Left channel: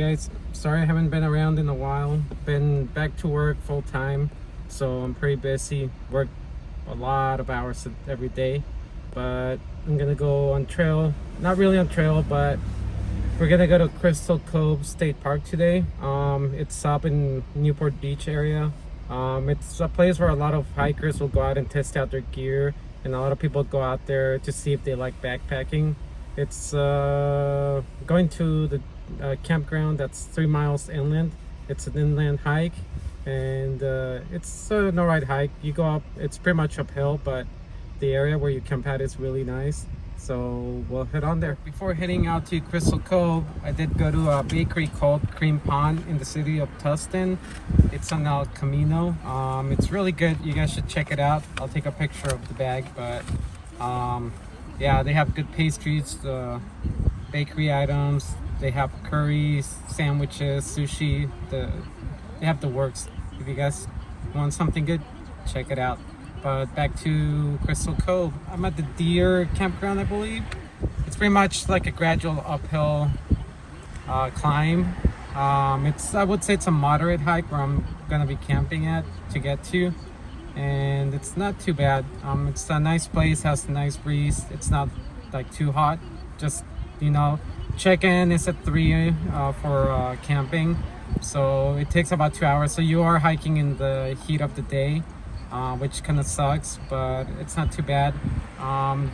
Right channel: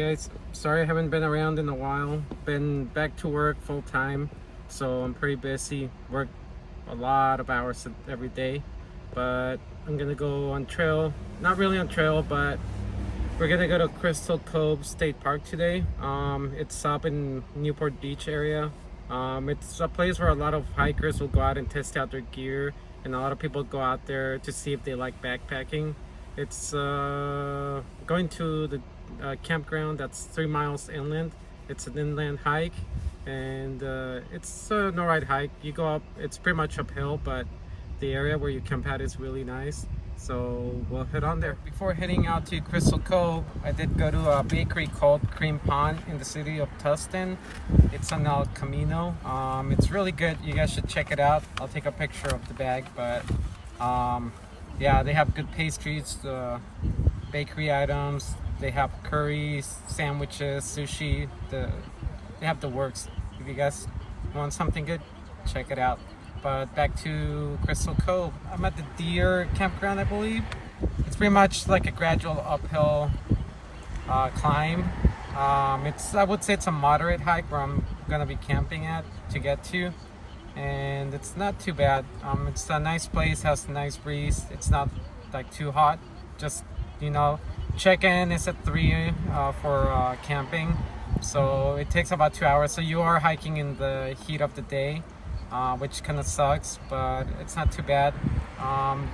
guys. Sorry I haven't been around in a while. Been back to work full time, so I'm pretty busy. Work a lot of hours every day, but I'm gonna go on trail. Not really on trail, but we're gonna go to Crystal Cove State Park today. It's up in Newport Beach area. It's a place where a lot of hikers will go out and test out their gear, and a lot of people go out there to see if they like backpacking. It's going to the campground that's 3 miles inland. It's an inland hike, and it's an alright hike. You go up, it's pretty much uphill, but the area where you camp at is really nice. So we'll head on there. Before heading out to Crystal Cove, I did go to a bakery called Cream Pond in the city of Tustin. It's on El Camino. It's really good. You guys should check it out. I'll take a picture of the bag, but yeah, they have good pastries, bakery items. They have curries, sandwiches, sushi. They have the works. If you guys want something good, check it out. But back to Crystal Cove. I'm at the deer campground, I believe. It's pretty much like a gradual uphill climb. I would say it's a moderate hike where I'm gonna be camping at to get to, and it's not too bad. It's a nice place, has a nice breeze. It's not like too hot. Just, you know, check-in is at 3 for camping, so it takes about 2 hours. So you are hiking in the heat of the day. Which kind of sucks, but it's not too bad.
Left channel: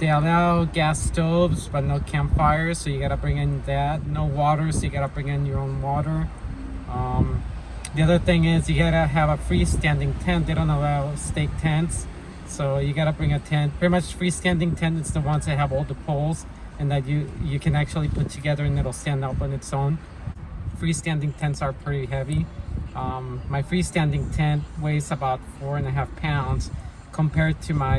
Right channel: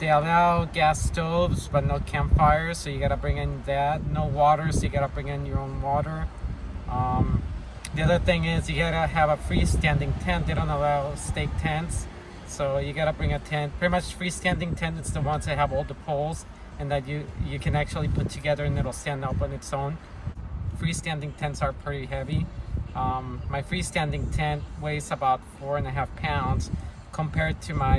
They allow gas stoves but no campfires, so you gotta bring in that. No water, so you gotta bring in your own water. The other thing is you gotta have a freestanding tent. They don't allow stake tents, so you gotta bring a tent. Pretty much freestanding tent is the ones that have all the poles and that you can actually put together and it'll stand up on its own. Freestanding tents are pretty heavy. My freestanding tent weighs about 4.5 pounds compared to my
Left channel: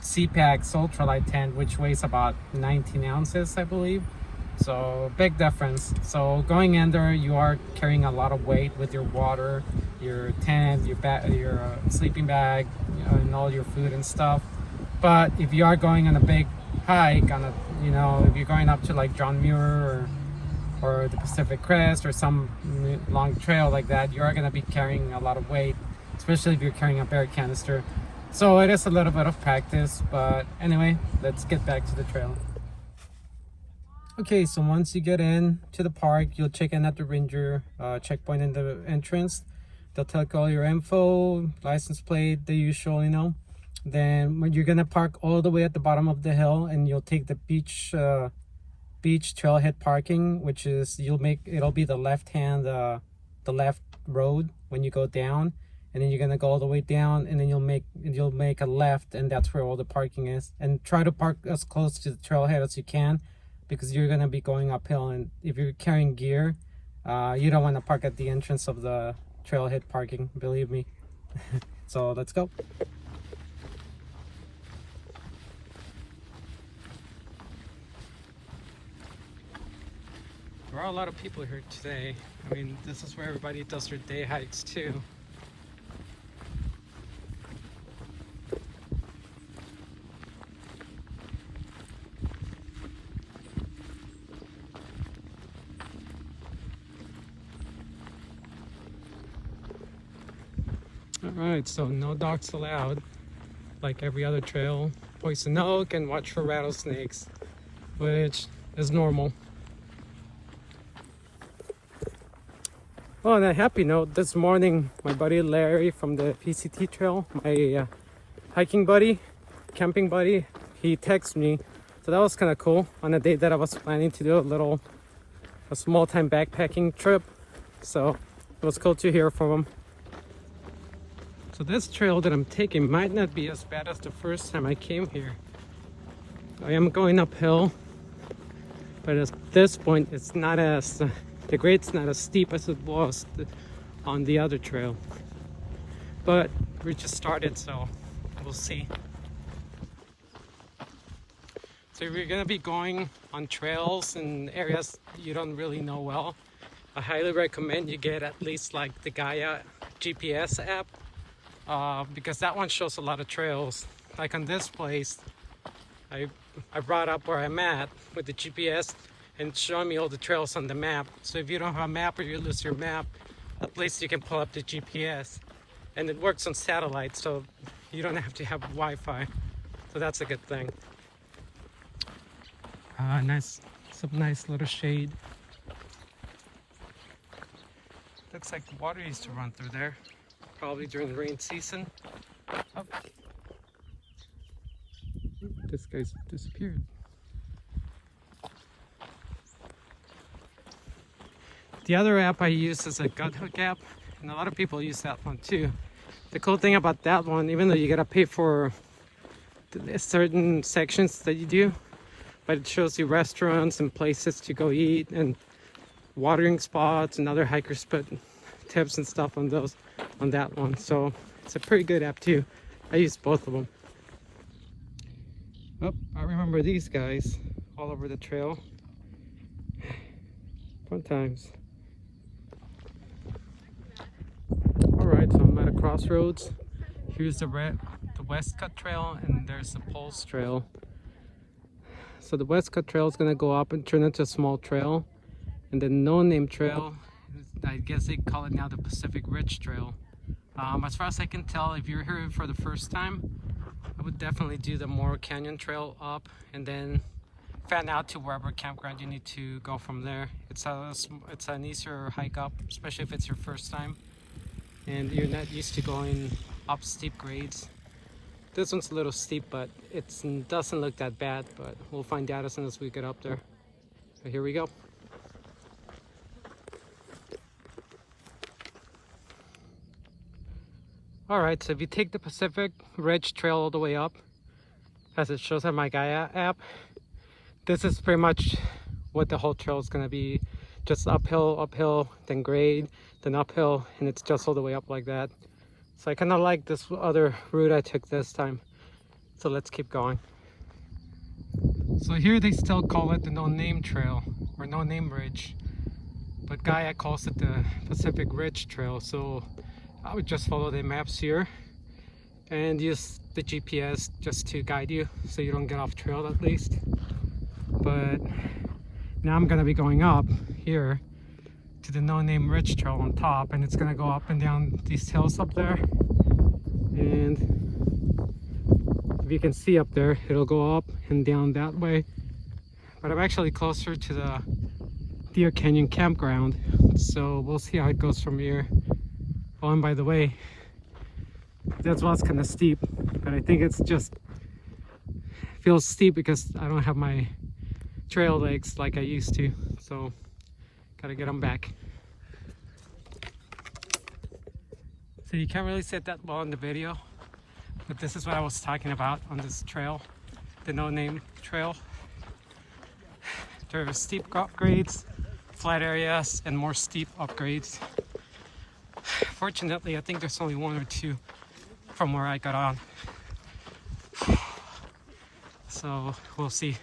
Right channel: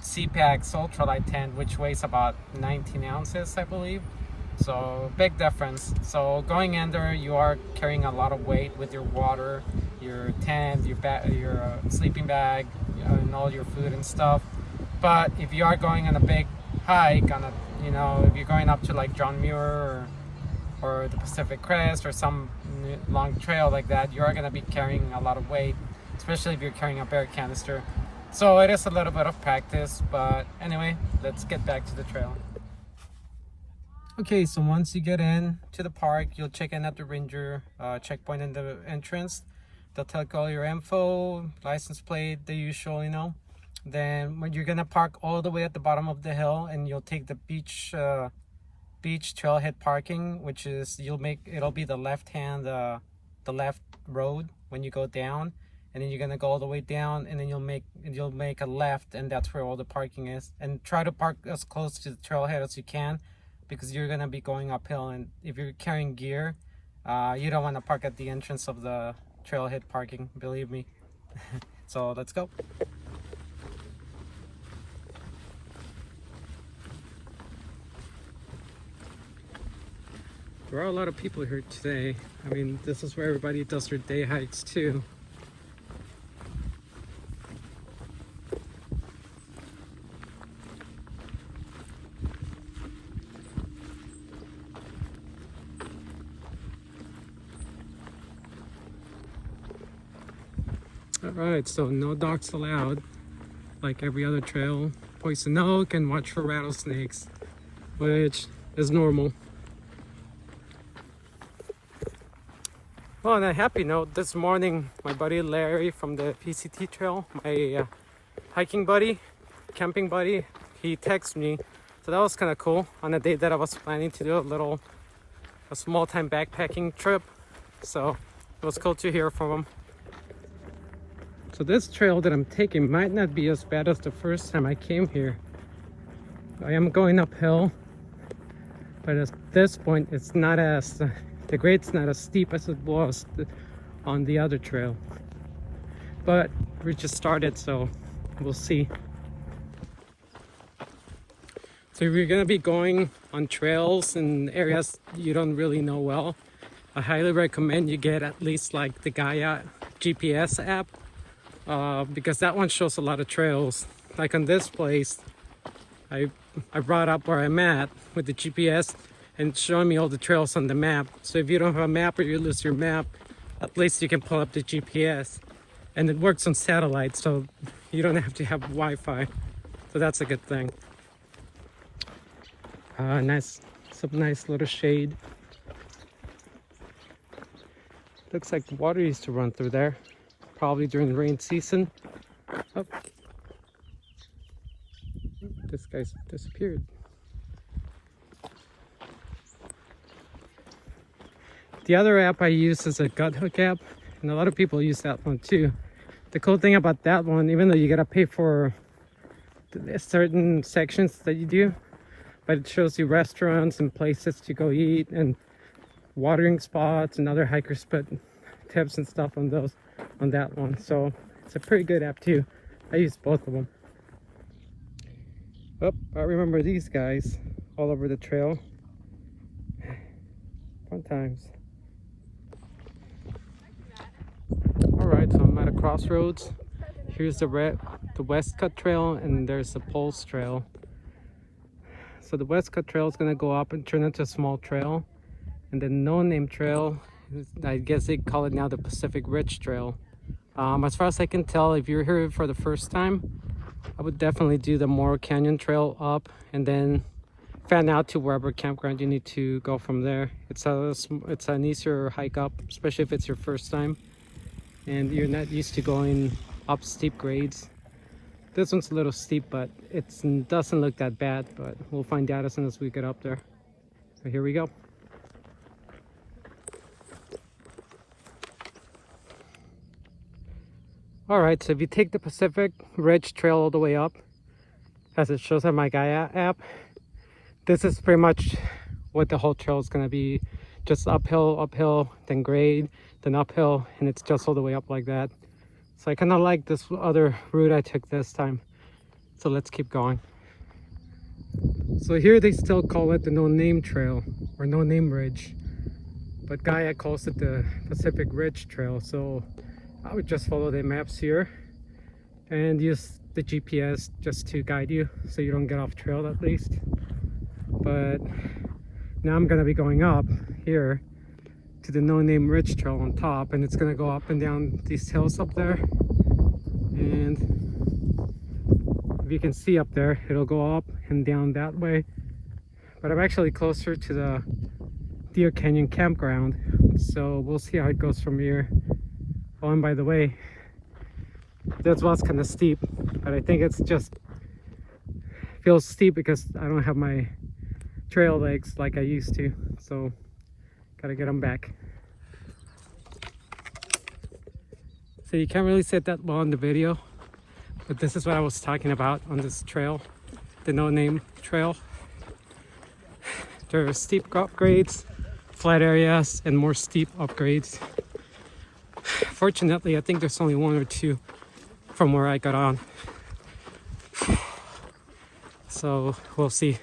CPAX ultralight tent, which weighs about 19 ounces, I believe. So big difference. So going in there, you are carrying a lot of weight with your water, your tent, your sleeping bag, and all your food and stuff. But if you are going on a big hike, if you're going up to like John Muir or the Pacific Crest or some long trail like that, you are going to be carrying a lot of weight, especially if you're carrying a bear canister. So it is a little bit of practice, but anyway, let's get back to the trail. Okay, so once you get in to the park, you'll check in at the ranger checkpoint in the entrance. They'll take all your info, license plate, the usual, Then when you're gonna park all the way at the bottom of the hill, and you'll take the beach trailhead parking, which is it'll be the left road when you go down, and then you're gonna go all the way down, and then you'll make a left, and that's where all the parking is. And try to park as close to the trailhead as you can, because you're gonna be going uphill, and if you're carrying gear, you don't want to park at the entrance of the trailhead parking, believe me. So let's go. There are a lot of people here today. I mean, this is where everybody does their day hikes too. Alright, so no dogs allowed, like every other trail. Poison oak, and watch for rattlesnakes, which is normal. On a happy note, this morning my buddy Larry from the PCT trail, my hiking buddy, camping buddy, he texted me. So that was kind of cool on a day that I was planning to do a small time backpacking trip. So it was cool to hear from him. So this trail that I'm taking might not be as bad as the first time I came here. I am going uphill, but at this point it's not as the grade's not as steep as it was on the other trail. But we just started, so we'll see. So if you're gonna be going on trails in areas you don't really know well, I highly recommend you get at least like the Gaia GPS app, because that one shows a lot of trails. Like on this place, I brought up where I'm at with the GPS, and showing me all the trails on the map. So if you don't have a map or you lose your map, at least you can pull up the GPS. And it works on satellite, so you don't have to have Wi-Fi. So that's a good thing. Some nice little shade. Looks like water used to run through there, probably during the rain season. Oh. This guy's disappeared. The other app I use is a gut hook app, and a lot of people use that one too. The cool thing about that one, even though you gotta pay for certain sections that you do, but it shows you restaurants and places to go eat and watering spots and other hiker spot tips and stuff on that one. So it's a pretty good app too. I use both of them. Oh, I remember these guys all over the trail. Fun times. All right, so I'm at a crossroads. Here's the West Cut Trail, and there's the Pulse Trail. So the West Cut Trail is gonna go up and turn into a small trail, and the No Name Trail, I guess they call it now the Pacific Ridge Trail. As far as I can tell, if you're here for the first time, I would definitely do the Moro Canyon Trail up, and then fan out to wherever campground you need to go from there. It's an easier hike up, especially if it's your first time and you're not used to going up steep grades. This one's a little steep, but it doesn't look that bad, but we'll find out as soon as we get up there. So here we go. Alright, so if you take the Pacific Ridge Trail all the way up, as it shows on my Gaia app, this is pretty much what the whole trail is going to be. Just uphill, then grade, then uphill, and it's just all the way up like that. So I kind of like this other route I took this time. So let's keep going. So here they still call it the No Name Trail, or No Name Ridge, but Gaia calls it the Pacific Ridge Trail. So I would just follow the maps here and use the GPS just to guide you so you don't get off trail at least. But now I'm gonna be going up here to the No Name Ridge Trail on top, and it's gonna go up and down these hills up there. And if you can see up there, it'll go up and down that way. But I'm actually closer to the Deer Canyon campground, so we'll see how it goes from here. Oh, and by the way, that's what's kind of steep, but I think it's just feels steep because I don't have my trail legs like I used to, so gotta get them back. So you can't really see it that well in the video, but this is what I was talking about on this trail, the No Name Trail. There are steep upgrades, flat areas, and more steep upgrades. Fortunately, I think there's only one or two from where I got on. So we'll see.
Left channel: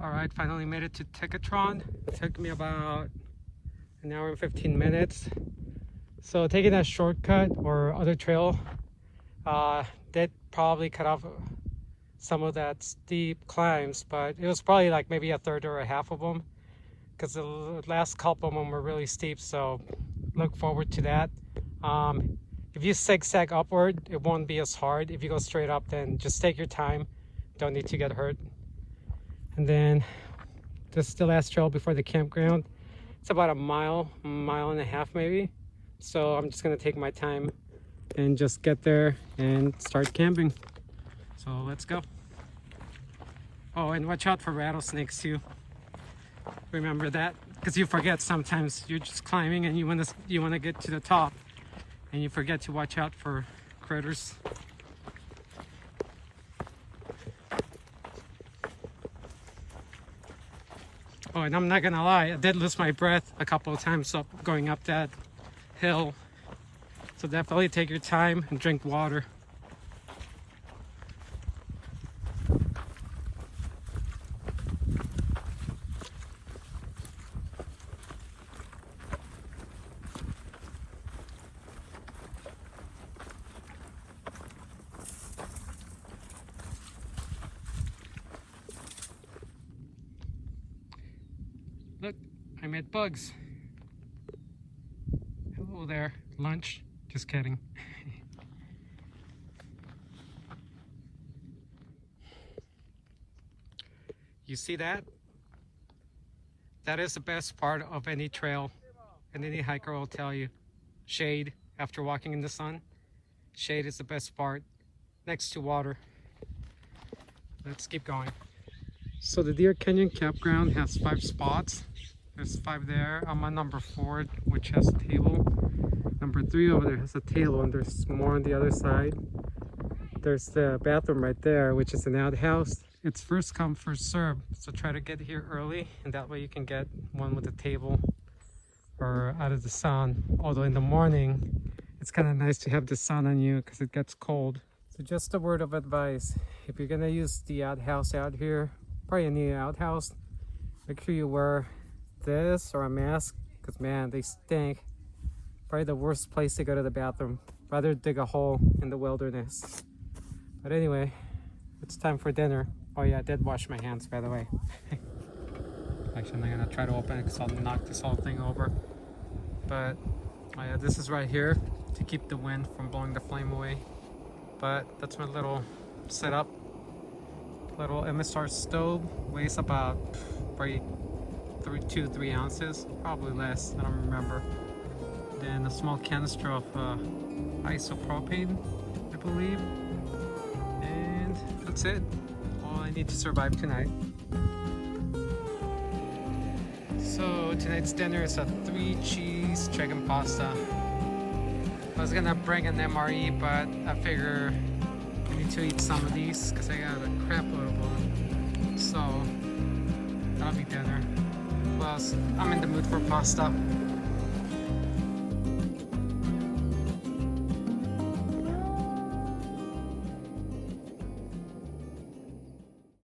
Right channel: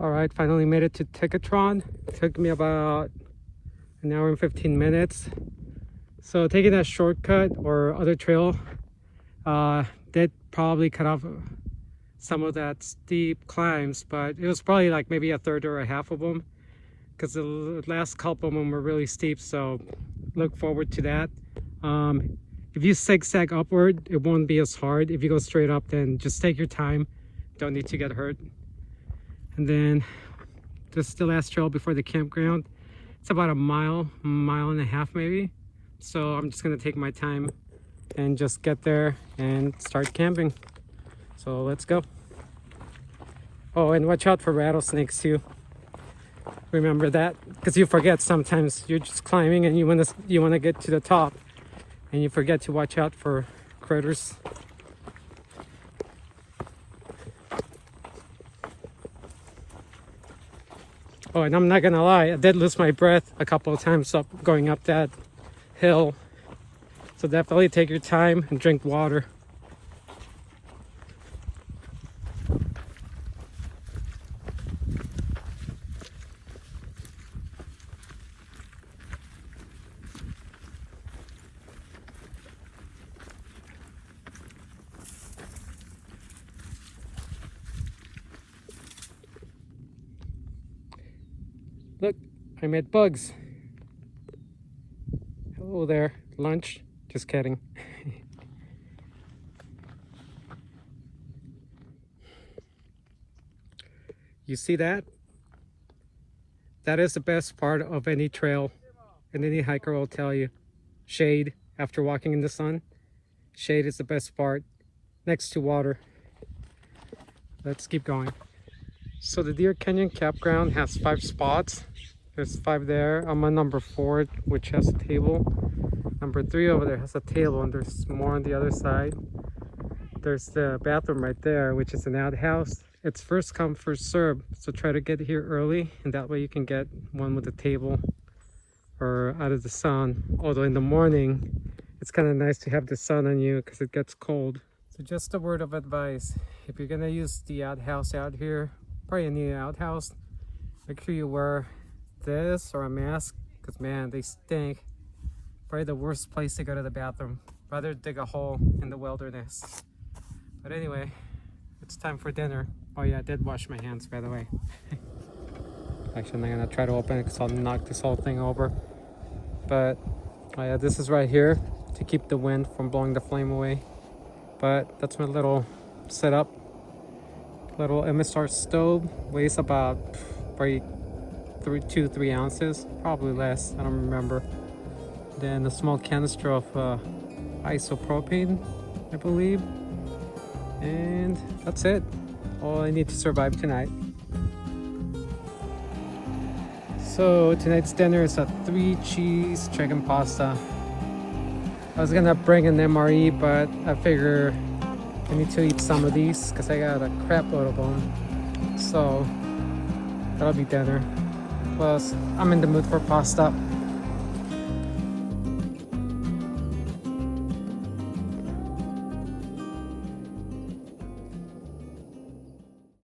Alright, finally made it to Ticketron. It took me about an hour and 15 minutes. So taking that shortcut or other trail did probably cut off some of that steep climbs, but it was probably like maybe a third or a half of them, because the last couple of them were really steep, so look forward to that. If you zigzag upward, it won't be as hard. If you go straight up, then just take your time. Don't need to get hurt. And then this is the last trail before the campground. It's about a mile and a half maybe. So I'm just gonna take my time and just get there and start camping. So let's go. Oh, and watch out for rattlesnakes too. Remember that, because you forget sometimes. You're just climbing and you wanna get to the top, and you forget to watch out for critters. Oh, and I'm not gonna lie, I did lose my breath a couple of times going up that hill. So definitely take your time and drink water. I met Bugs. Hello there. Lunch? Just kidding. You see that? That is the best part of any trail, and any hiker will tell you. Shade after walking in the sun. Shade is the best part, next to water. Let's keep going. So the Deer Canyon campground has 5 spots. There's 5 there. I'm on number 4, which has a table. Number 3 over there has a table, and there's more on the other side. There's the bathroom right there, which is an outhouse. It's first come, first serve, so try to get here early, and that way you can get one with a table or out of the sun. Although in the morning, it's kind of nice to have the sun on you because it gets cold. So just a word of advice, if you're gonna use the outhouse out here, probably any outhouse, make sure you wear this or a mask, because man, they stink. Probably the worst place to go to the bathroom. Rather dig a hole in the wilderness. But anyway, it's time for dinner. Oh yeah, I did wash my hands, by the way. Actually, I'm gonna try to open it because I'll knock this whole thing over. But oh yeah, this is right here to keep the wind from blowing the flame away. But that's my little setup. Little MSR stove, weighs about probably 3 ounces, probably less, I don't remember. Then a small canister of isopropane, I believe. And that's it. All I need to survive tonight. So tonight's dinner is a 3-cheese chicken pasta. I was gonna bring an MRE, but I figure I need to eat some of these because I got a crap load of them. So that'll be dinner. Plus, I'm in the mood for pasta.